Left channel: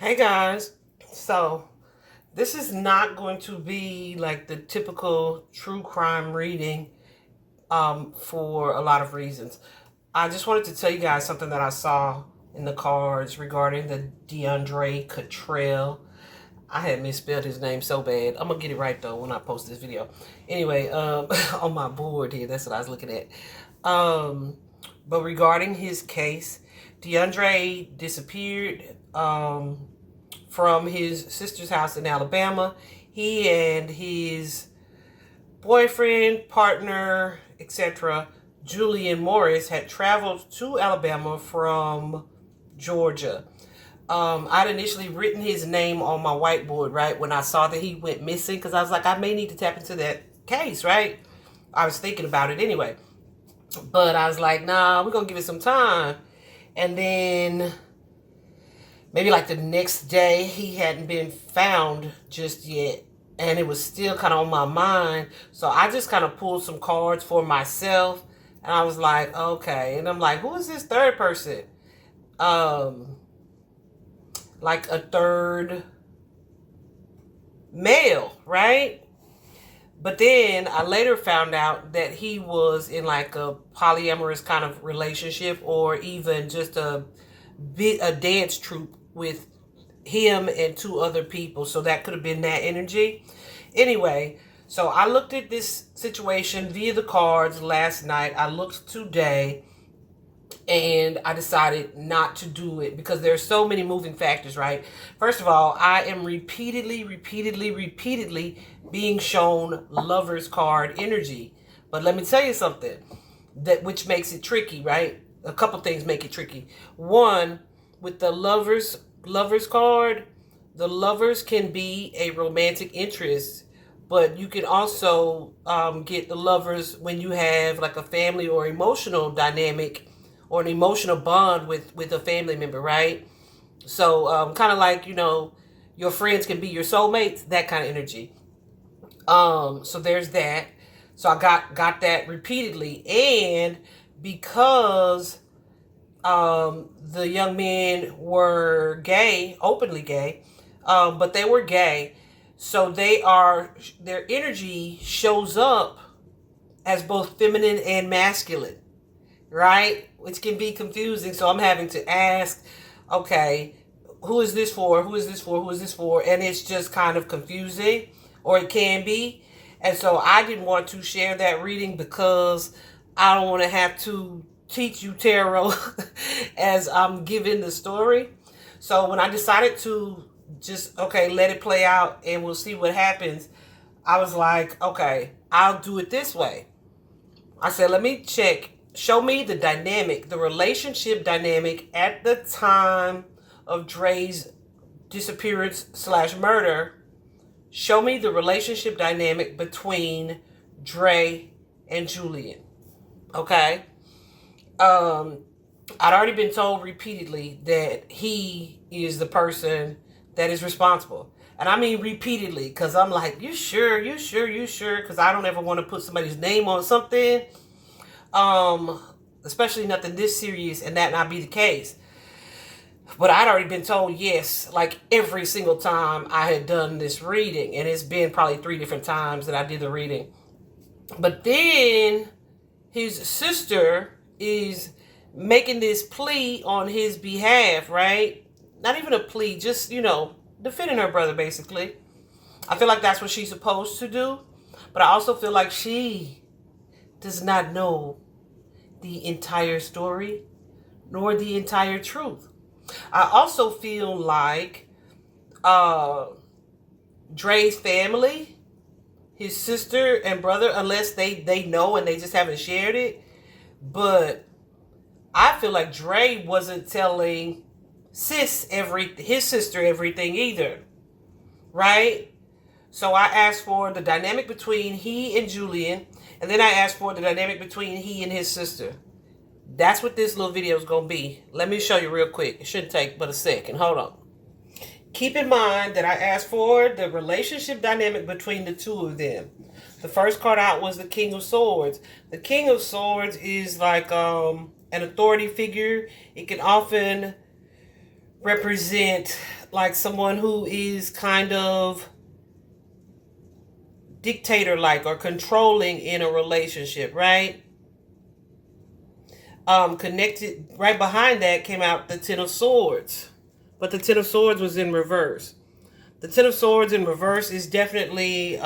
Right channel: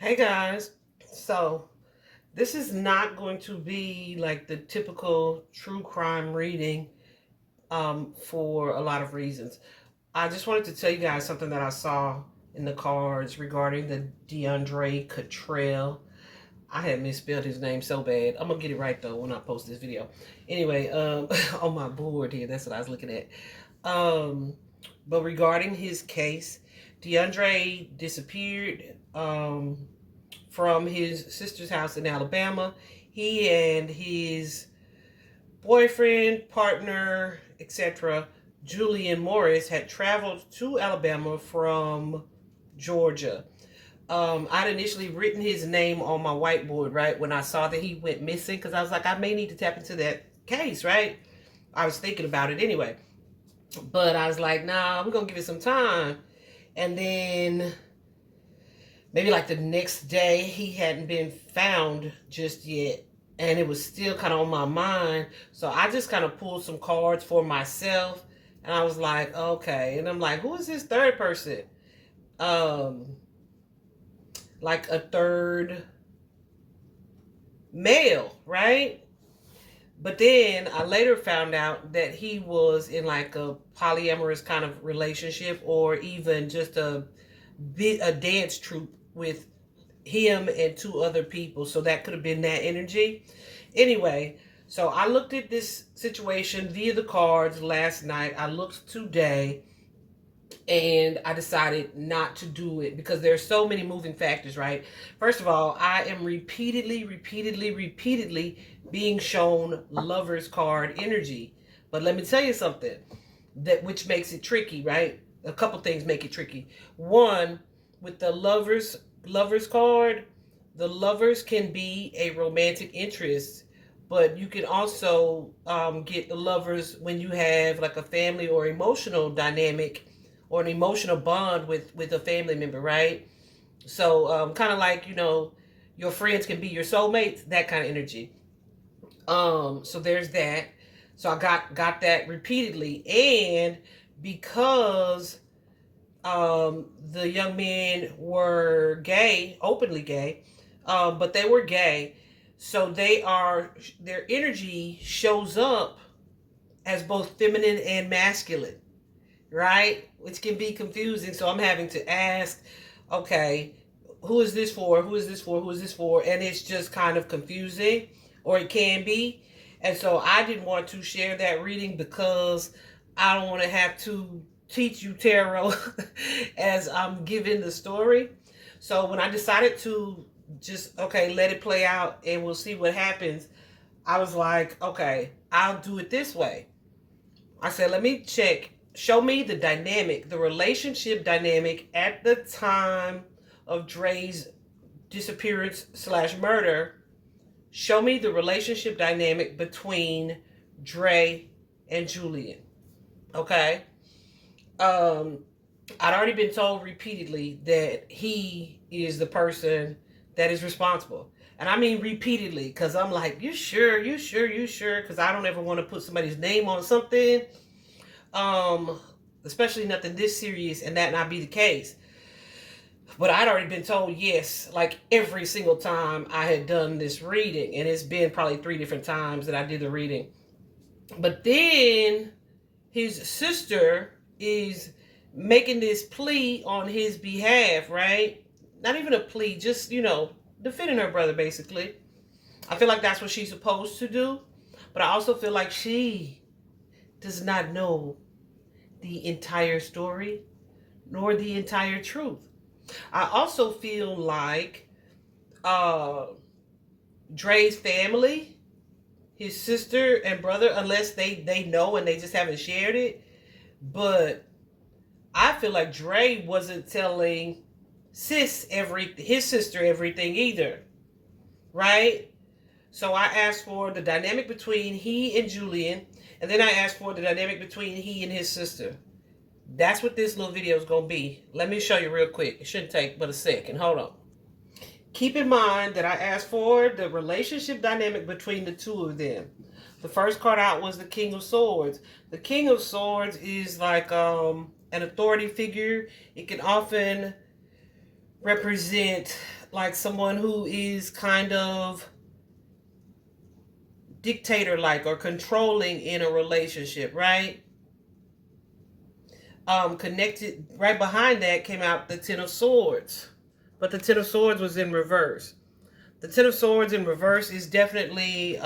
Hey guys, so this is not going to be like the typical true crime reading for a lot of reasons. I just wanted to tell you guys something that I saw in the cards regarding the DeUndray Cottrell. I had misspelled his name so bad. I'm gonna get it right though when I post this video. Anyway, on my board here, that's what I was looking at. Um, but regarding his case, DeUndray disappeared. From his sister's house in Alabama. He and his boyfriend, partner, etc., Julian Morris, had traveled to Alabama from Georgia. I'd initially written his name on my whiteboard, right, when I saw that he went missing, because I was like, I may need to tap into that case, right? I was thinking about it anyway. But I was like, nah, we're going to give it some time. And then maybe like the next day, he hadn't been found just yet. And it was still kind of on my mind. So I just kind of pulled some cards for myself. And I was like, okay. And I'm like, who is this third person? Like a third male, right? But then I later found out that he was in like a polyamorous kind of relationship, or even just a dance troupe with him and two other people. So that could have been that energy. Anyway, so I looked at this situation via the cards last night. I looked today, and I decided not to do it because there's so many moving factors, right? First of all, I am repeatedly being shown lover's card energy. But let me tell you something that which makes it tricky, right? A couple things make it tricky. One, with the lovers card, the lovers can be a romantic interest, but you can also get the lovers when you have like a family or emotional dynamic or an emotional bond with a family member, right? So kind of like, your friends can be your soulmates, that kind of energy. So there's that. So I got that repeatedly. And because the young men were gay, openly gay, but they were gay, so their energy shows up as both feminine and masculine, right? Which can be confusing. So I'm having to ask, okay, who is this for? Who is this for? Who is this for? And it's just kind of confusing, or it can be. And so I didn't want to share that reading because I don't want to have to teach you tarot as I'm giving the story. So when I decided to just, okay, let it play out and we'll see what happens, I was like, okay, I'll do it this way. I said, let me check. Show me the dynamic, the relationship dynamic at the time of Dre's disappearance / murder. Show me the relationship dynamic between Dre and Julian. Okay? I'd already been told repeatedly that he is the person that is responsible. And I mean repeatedly, because I'm like, you sure? You sure? You sure? Because I don't ever want to put somebody's name on something. Especially nothing this serious and that not be the case. But I'd already been told yes, like every single time I had done this reading. And it's been probably 3 different times that I did the reading. But then his sister is making this plea on his behalf, right? Not even a plea, just, defending her brother, basically. I feel like that's what she's supposed to do. But I also feel like she does not know the entire story nor the entire truth. I also feel like Dre's family, his sister and brother, unless they know and they just haven't shared it, but I feel like Dre wasn't telling his sister everything either, right? So I asked for the dynamic between he and Julian, and then I asked for the dynamic between he and his sister. That's what this little video is going to be. Let me show you real quick. It shouldn't take but a second. Hold on. Keep in mind that I asked for the relationship dynamic between the two of them. The first card out was the King of Swords. The King of Swords is like an authority figure. It can often represent like someone who is kind of dictator-like or controlling in a relationship, right? Connected right behind that came out the Ten of Swords, but the Ten of Swords was in reverse. The Ten of Swords in reverse is definitely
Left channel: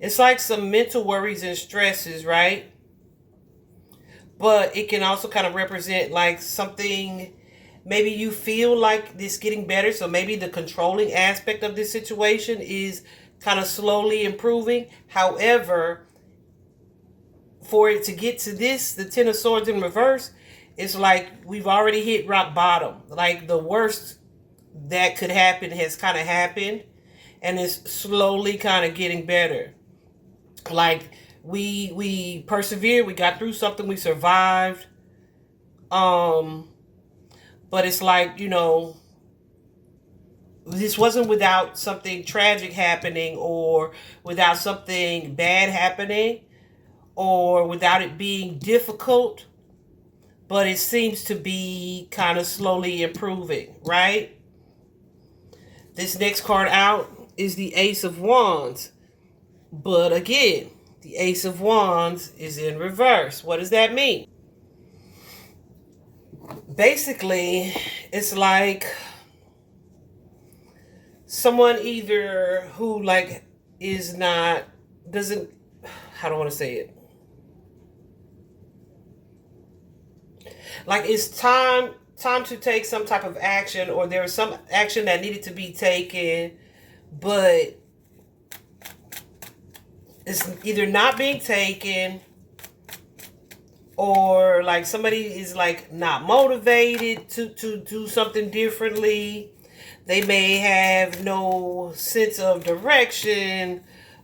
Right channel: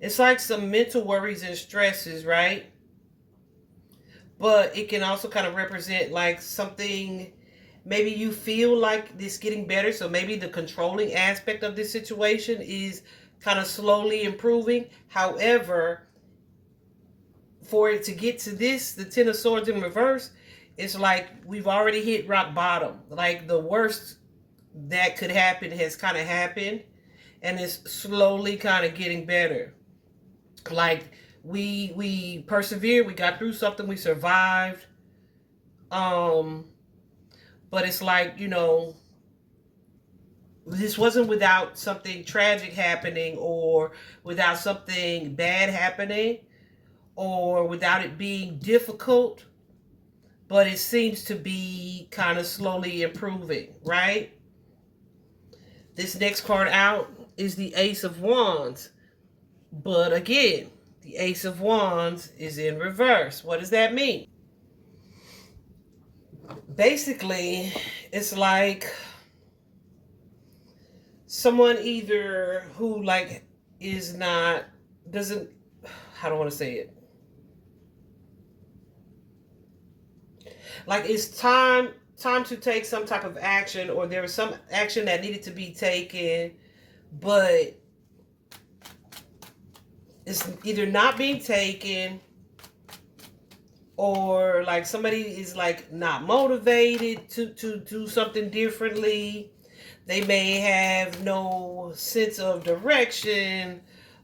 it's like some mental worries and stresses, right? But it can also kind of represent like something, maybe you feel like this getting better. So maybe the controlling aspect of this situation is kind of slowly improving. However, for it to get to this, the Ten of Swords in reverse, it's like we've already hit rock bottom. Like the worst that could happen has kind of happened, and it's slowly kind of getting better. Like we persevered, we got through something, we survived. But it's like, you know, this wasn't without something tragic happening, or without something bad happening, or without it being difficult, but it seems to be kind of slowly improving, right? This next card out is the Ace of Wands. But again, the Ace of Wands is in reverse. What does that mean? Basically, it's like someone either who like is not, doesn't, how do I want to say it? Like it's time to take some type of action, or there was some action that needed to be taken, but it's either not being taken, or like somebody is like not motivated to do something differently. They may have no sense of direction.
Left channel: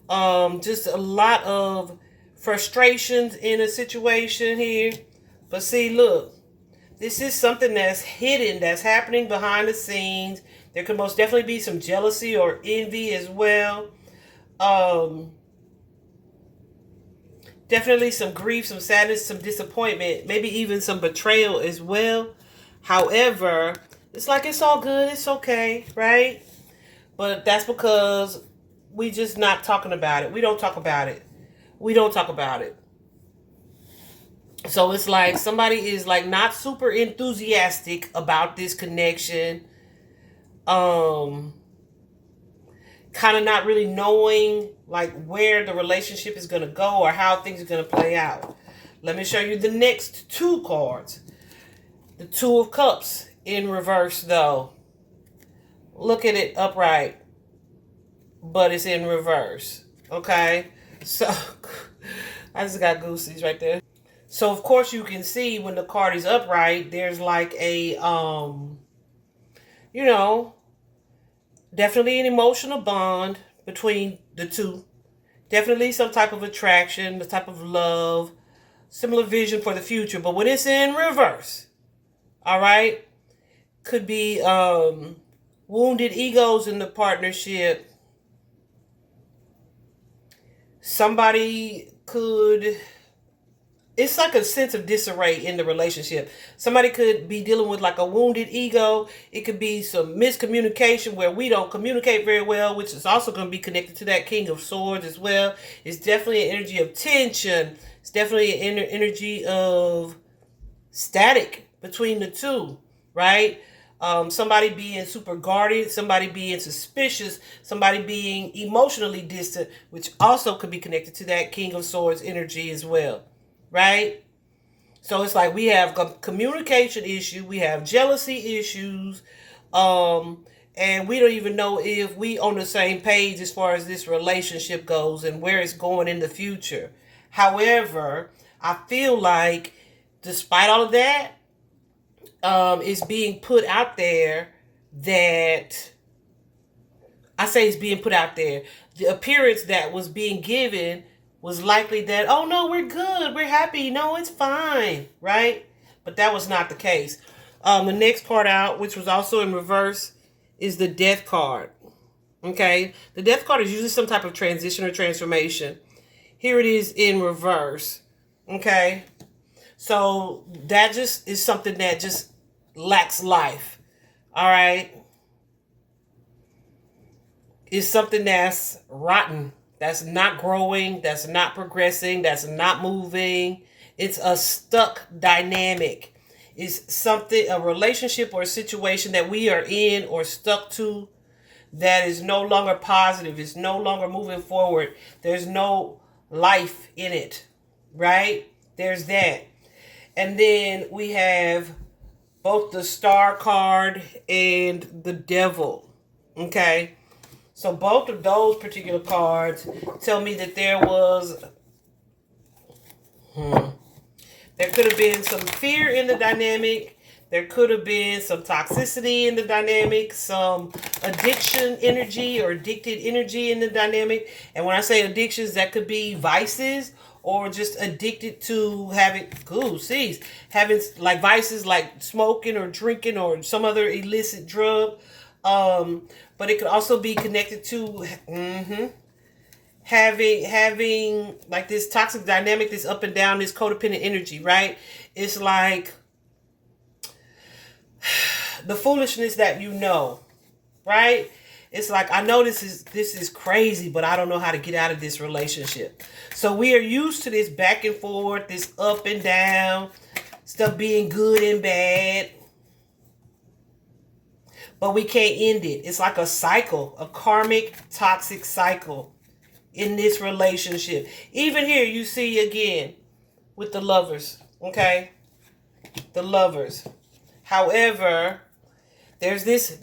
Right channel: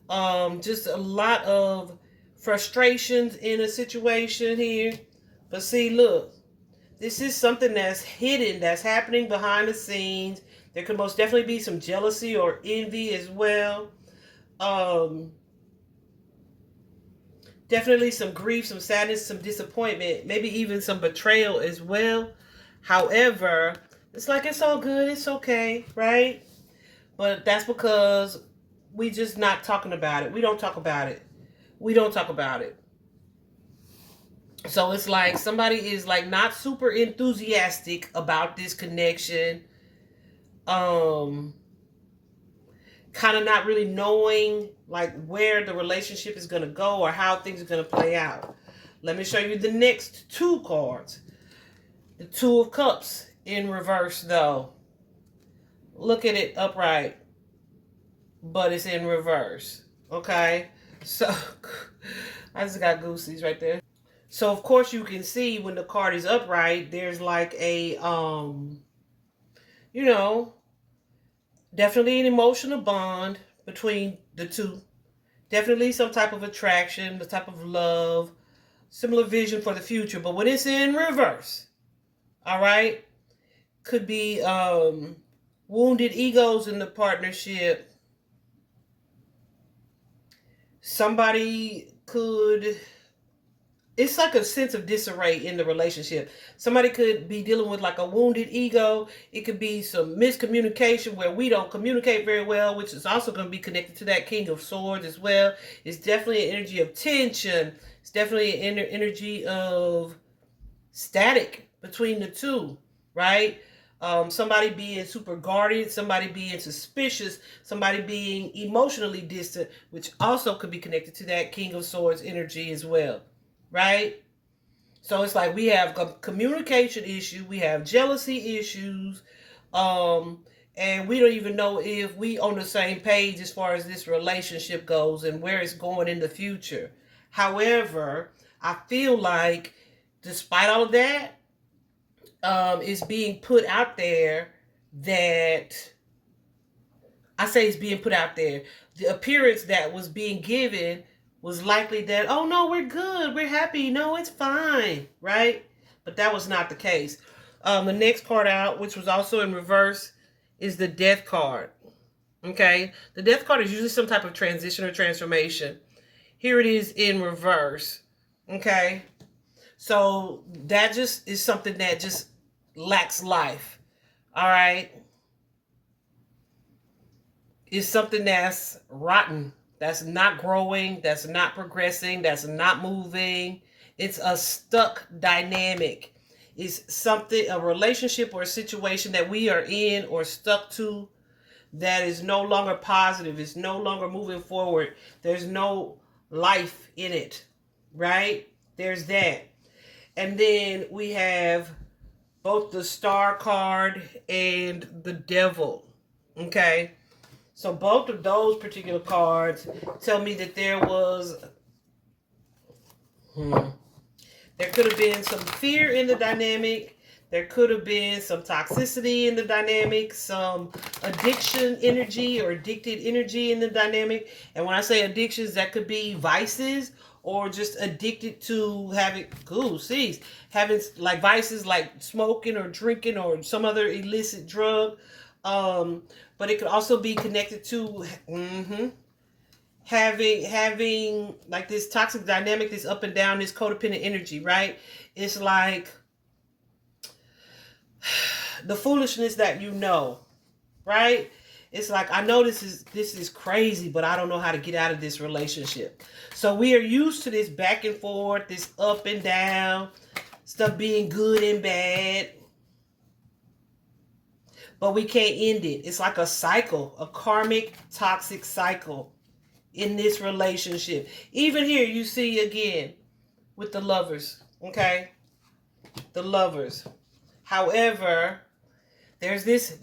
Just a lot of frustrations in a situation here. But see, look, this is something that's hidden, that's happening behind the scenes. There could most definitely be some jealousy or envy as well. Definitely some grief, some sadness, some disappointment, maybe even some betrayal as well. However, it's like it's all good, it's okay, right? But that's because we just not talking about it. We don't talk about it. We don't talk about it. So it's like somebody is like not super enthusiastic about this connection. Kind of not really knowing like where the relationship is going to go or how things are going to play out. Let me show you the next two cards. The Two of Cups in reverse though. Look at it upright, but it's in reverse. Okay, so I just got goosies right there. So of course you can see when the card is upright, there's like a you know, definitely an emotional bond between the two. Definitely some type of attraction, the type of love, similar vision for the future. But when it's in reverse, all right, could be wounded egos in the partnership. Somebody could, it's like a sense of disarray in the relationship. Somebody could be dealing with like a wounded ego. It could be some miscommunication where we don't communicate very well, which is also going to be connected to that King of Swords as well. It's definitely an energy of tension. It's definitely an energy of static between the two, right? Somebody being super guarded, somebody being suspicious, somebody being emotionally distant, which also could be connected to that King of Swords energy as well. Right? So it's like we have a communication issue, we have jealousy issues, and we don't even know if we on the same page as far as this relationship goes and where it's going in the future. However, I feel like despite all of that, it's being put out there that, I say it's being put out there, the appearance that was being given was likely that, oh no, we're good, we're happy, no, it's fine, right? But that was not the case. The next card out, which was also in reverse, is the Death card. Okay, the Death card is usually some type of transition or transformation. Here it is in reverse. Okay, So that just is something that just lacks life. All right. It's something that's rotten, that's not growing, that's not progressing, that's not moving. It's a stuck dynamic. It's something, a relationship or a situation that we are in or stuck to that is no longer positive. It's no longer moving forward. There's no life in it, right? There's that. And then we have both the Star card and the Devil, okay? So both of those particular cards tell me that there was, there could have been some fear in the dynamic. There could have been some toxicity in the dynamic, some addiction energy or addicted energy in the dynamic. And when I say addictions, that could be vices or just addicted to having, having like vices like smoking or drinking or some other illicit drug. But it could also be connected to having like this toxic dynamic, this up and down, this codependent energy, right? It's like the foolishness that you know, right? It's like, I know this is crazy, but I don't know how to get out of this relationship. So we are used to this back and forth, this up and down, stuff being good and bad. But we can't end it. It's like a cycle, a karmic, toxic cycle in this relationship. Even here, you see again with the Lovers, okay? The Lovers. However, there's this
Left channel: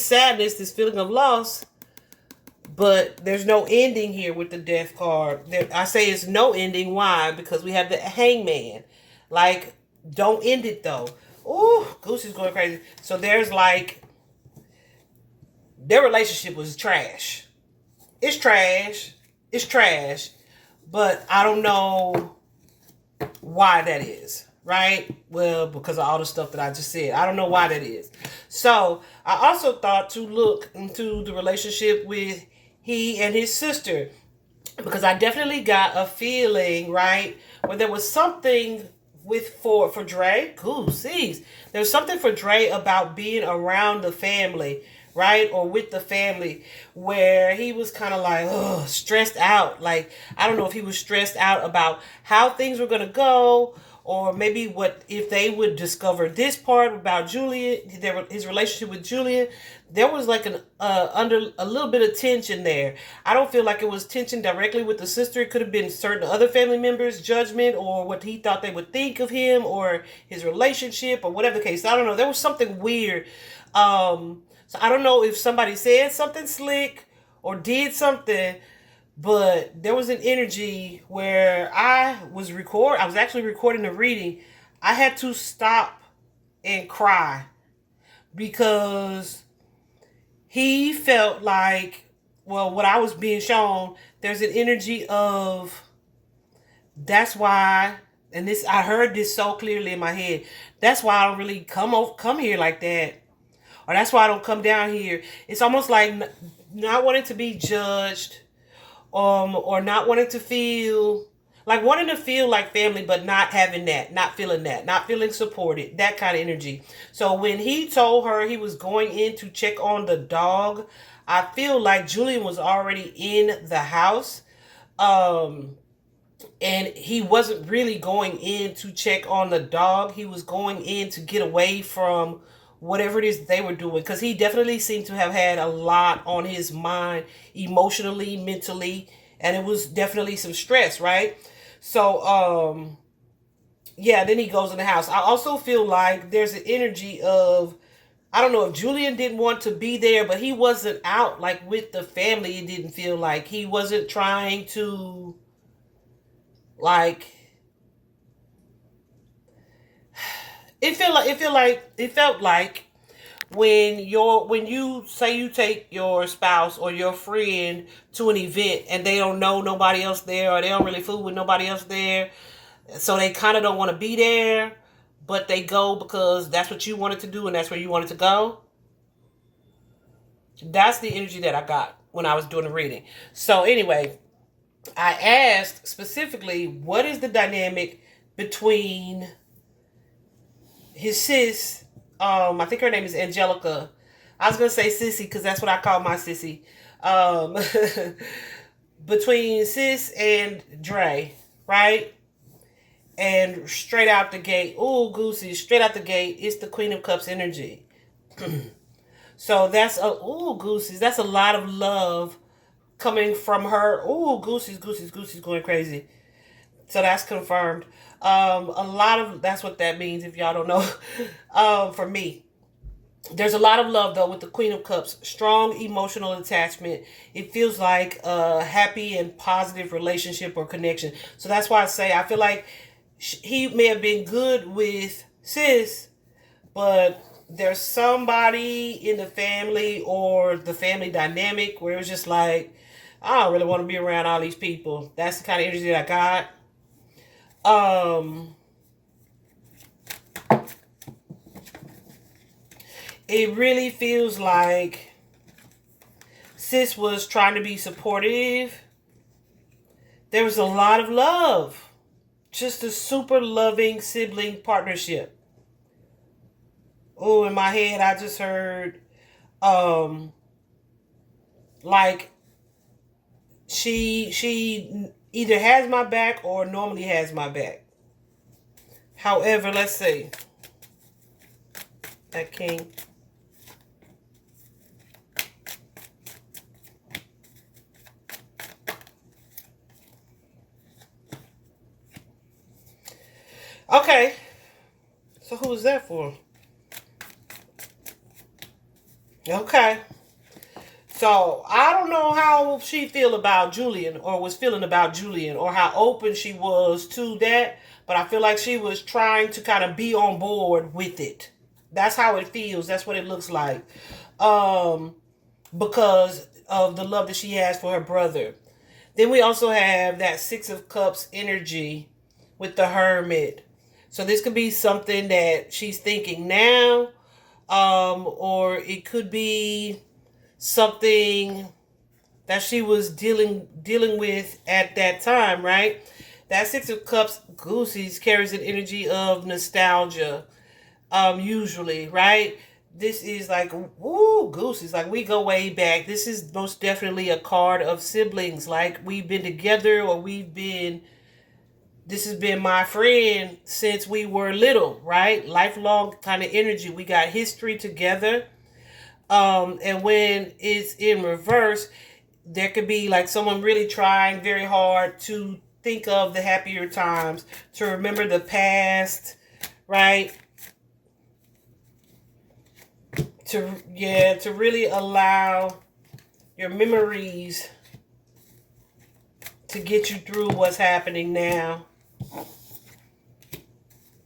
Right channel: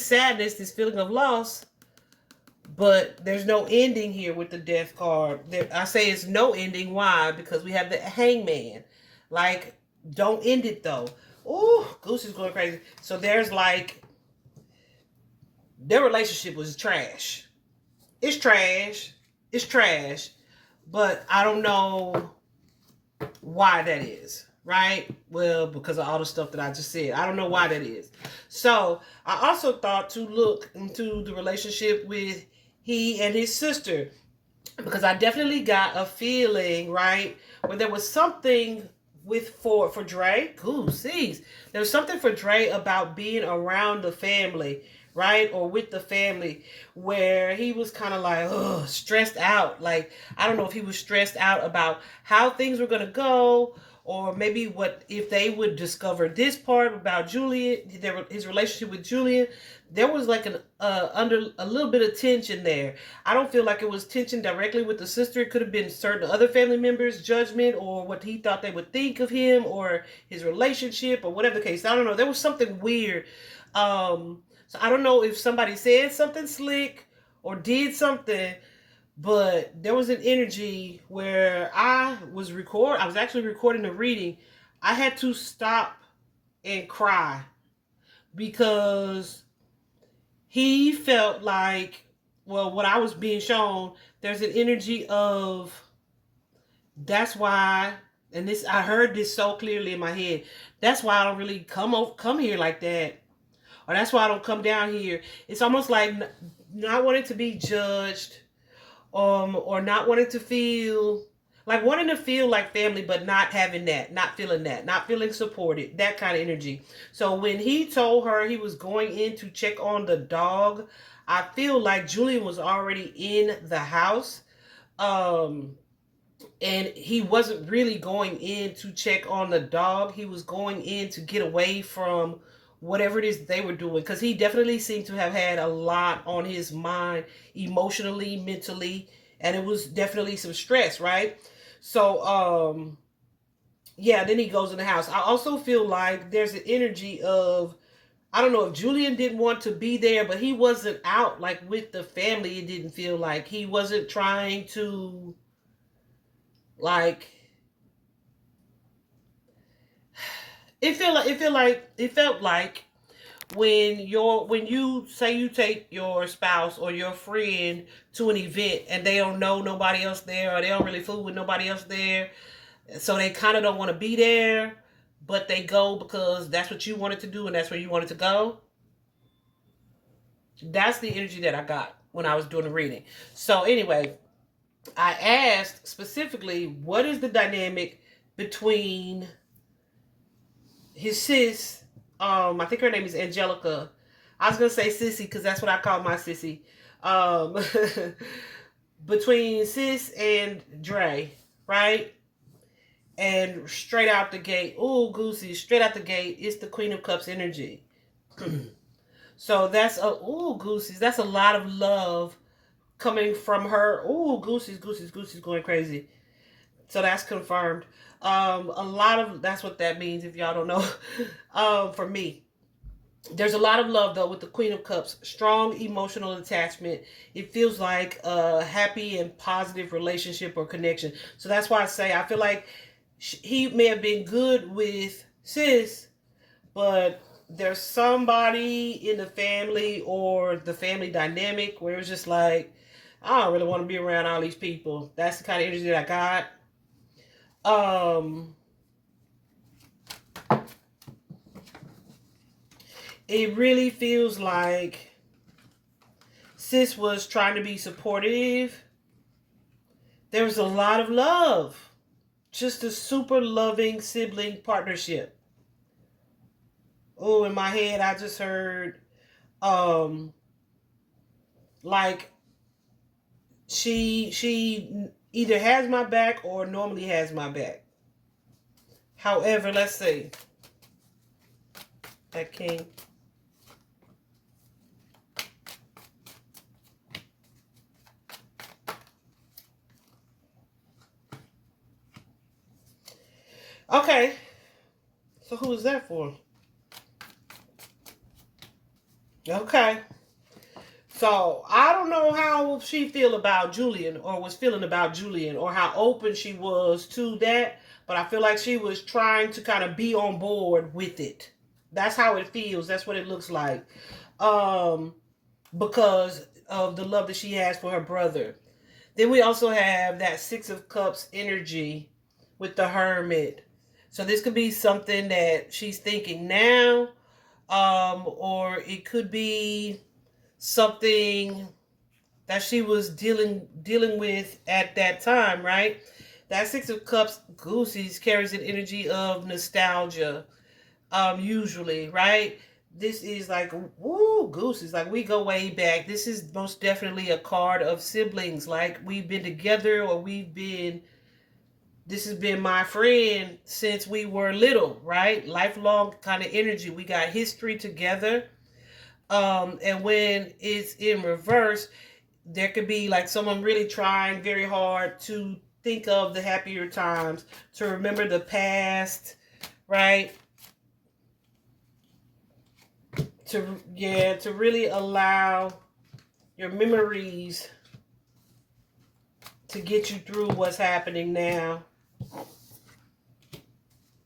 sadness, this feeling of loss, but there's no ending here with the Death card. I say it's no ending. Why? Because we have the Hangman. Like, don't end it though. Ooh, Goose is going crazy. So there's like, their relationship was trash. It's trash. It's trash. But I don't know why that is. Right? Well, because of all the stuff that I just said. I don't know why that is. So I also thought to look into the relationship with he and his sister. Because I definitely got a feeling, right, where there was something for Dre. Cool, sees. There was something for Dre about being around the family, right? Or with the family, where he was kind of like, stressed out. Like, I don't know if he was stressed out about how things were going to go, or maybe what if they would discover this part about Julian, his relationship with Julian. There was like under a little bit of tension there. I don't feel like it was tension directly with the sister. It could have been certain other family members' judgment or what he thought they would think of him or his relationship or whatever the case. I don't know. There was something weird. So I don't know if somebody said something slick or did something, but there was an energy where I was actually recording the reading. I had to stop and cry because he felt like, well, what I was being shown, there's an energy of, that's why, and this, I heard this so clearly in my head, that's why I don't really come here like that. Or that's why I don't come down here. It's almost like not wanting to be judged, or not wanting to feel like family, but not having that, not feeling supported, that kind of energy. So when he told her he was going in to check on the dog, I feel like Julian was already in the house. And he wasn't really going in to check on the dog. He was going in to get away from whatever it is they were doing, because he definitely seemed to have had a lot on his mind emotionally, mentally, and it was definitely some stress, right? So yeah, then he goes in the house. I also feel like there's an energy of, I don't know if Julian didn't want to be there, but he wasn't out like with the family. It didn't feel like he wasn't trying to, like, it felt like when you say you take your spouse or your friend to an event and they don't know nobody else there, or they don't really fool with nobody else there, so they kind of don't want to be there, but they go because that's what you wanted to do and that's where you wanted to go. That's the energy that I got when I was doing the reading. So anyway, I asked specifically, what is the dynamic between his sis, I think her name is Angelica. I was gonna say sissy because that's what I call my sissy. Um, between sis and Dre, right? And straight out the gate, ooh, Goosey, straight out the gate, it's the Queen of Cups energy. So that's Goosey's. That's a lot of love coming from her. Ooh, Goosey's going crazy. So that's confirmed. A lot of that's what that means if y'all don't know. For me, there's a lot of love though with the Queen of Cups. Strong emotional attachment. It feels like a happy and positive relationship or connection. So that's why I say I feel like he may have been good with sis, but there's somebody in the family or the family dynamic where it was just like, I don't really want to be around all these people. That's the kind of energy that I got. It really feels like sis was trying to be supportive. There was a lot of love. Just a super loving sibling partnership. Oh, in my head, I just heard, like, she either has my back or normally has my back. However, let's see. That king. Okay. So who was that for? Okay. So I don't know how she feel about Julian or was feeling about Julian or how open she was to that. But I feel like she was trying to kind of be on board with it. That's how it feels. That's what it looks like. Because of the love that she has for her brother. Then we also have that Six of Cups energy with the Hermit. So this could be something that she's thinking now, or it could be something that she was dealing with at that time, right? That Six of Cups, Goosey's, carries an energy of nostalgia, usually, right? This is like, woo, Goosey's, like we go way back. This is most definitely a card of siblings, like we've been together or this has been my friend since we were little, right? Lifelong kind of energy. We got history together. And when it's in reverse, there could be like someone really trying very hard to think of the happier times, to remember the past, right? To really allow your memories to get you through what's happening now.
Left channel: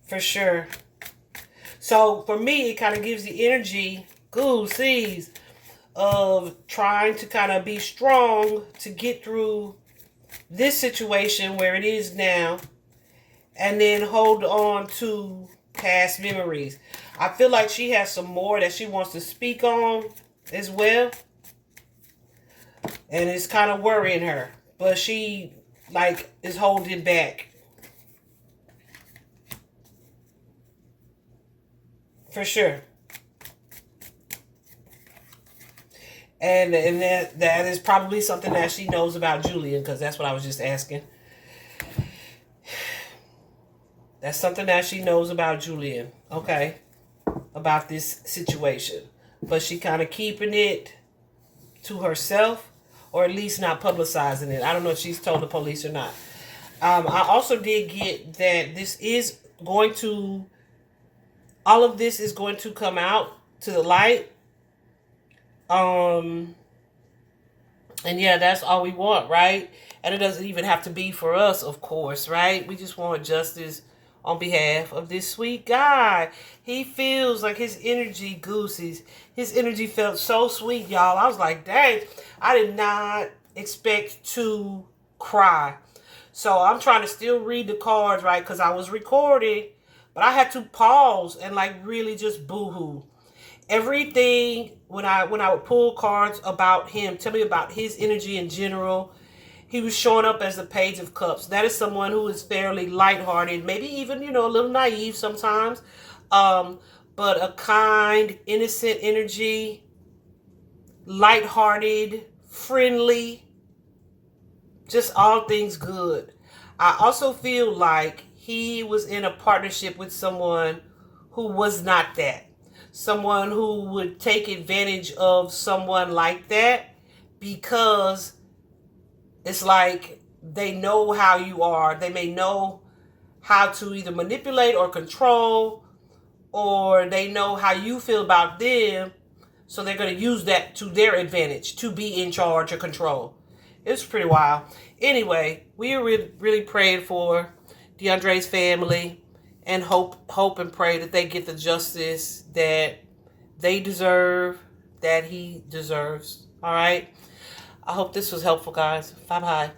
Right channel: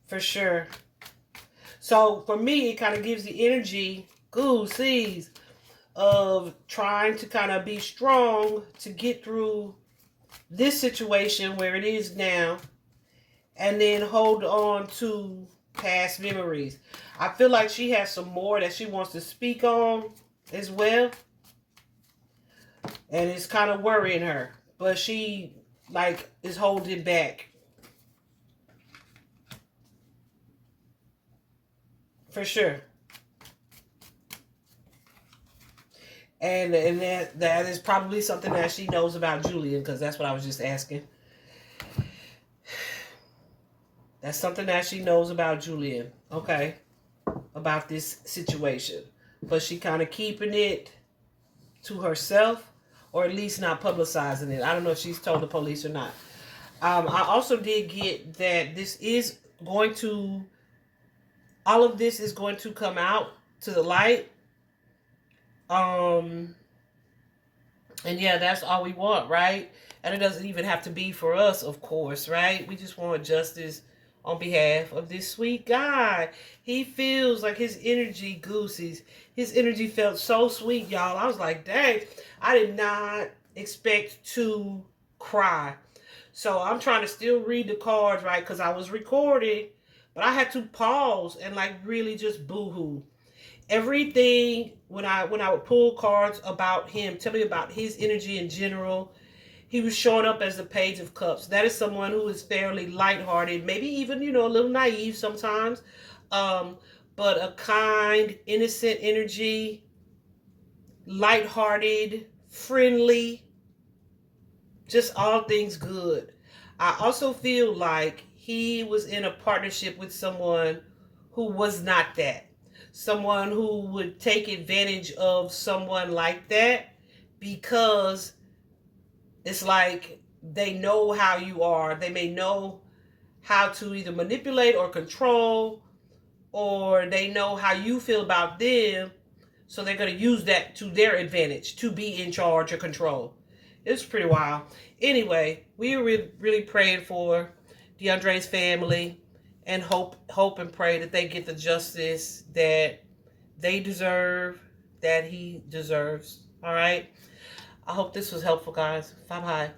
For sure. So for me, it kind of gives the energy, Goosey's, of trying to kind of be strong to get through this situation where it is now, and then hold on to past memories. I feel like she has some more that she wants to speak on as well, and it's kind of worrying her, but she like is holding back. For sure. And that is probably something that she knows about Julian, because that's what I was just asking. That's something that she knows about Julian, okay, about this situation. But she kind of keeping it to herself, or at least not publicizing it. I don't know if she's told the police or not. I also did get that all of this is going to come out to the light. And yeah, that's all we want, right? And it doesn't even have to be for us, of course, right? We just want justice on behalf of this sweet guy. He feels like his energy, Goosey's, his energy felt so sweet, y'all. I was like, dang, I did not expect to cry. So I'm trying to still read the cards, right? Because I was recording, but I had to pause and like really just boo-hoo. Everything, when I would pull cards about him, tell me about his energy in general, he was showing up as the Page of Cups. That is someone who is fairly lighthearted, maybe even, a little naive sometimes. But a kind, innocent energy, lighthearted, friendly, just all things good. I also feel like he was in a partnership with someone who was not that. Someone who would take advantage of someone like that, because it's like they know how you are. They may know how to either manipulate or control, or they know how you feel about them. So they're going to use that to their advantage to be in charge or control. It's pretty wild. Anyway, we are really praying for DeUndray's family, and hope and pray that they get the justice that they deserve, that he deserves. All right. I hope this was helpful, guys. Bye-bye.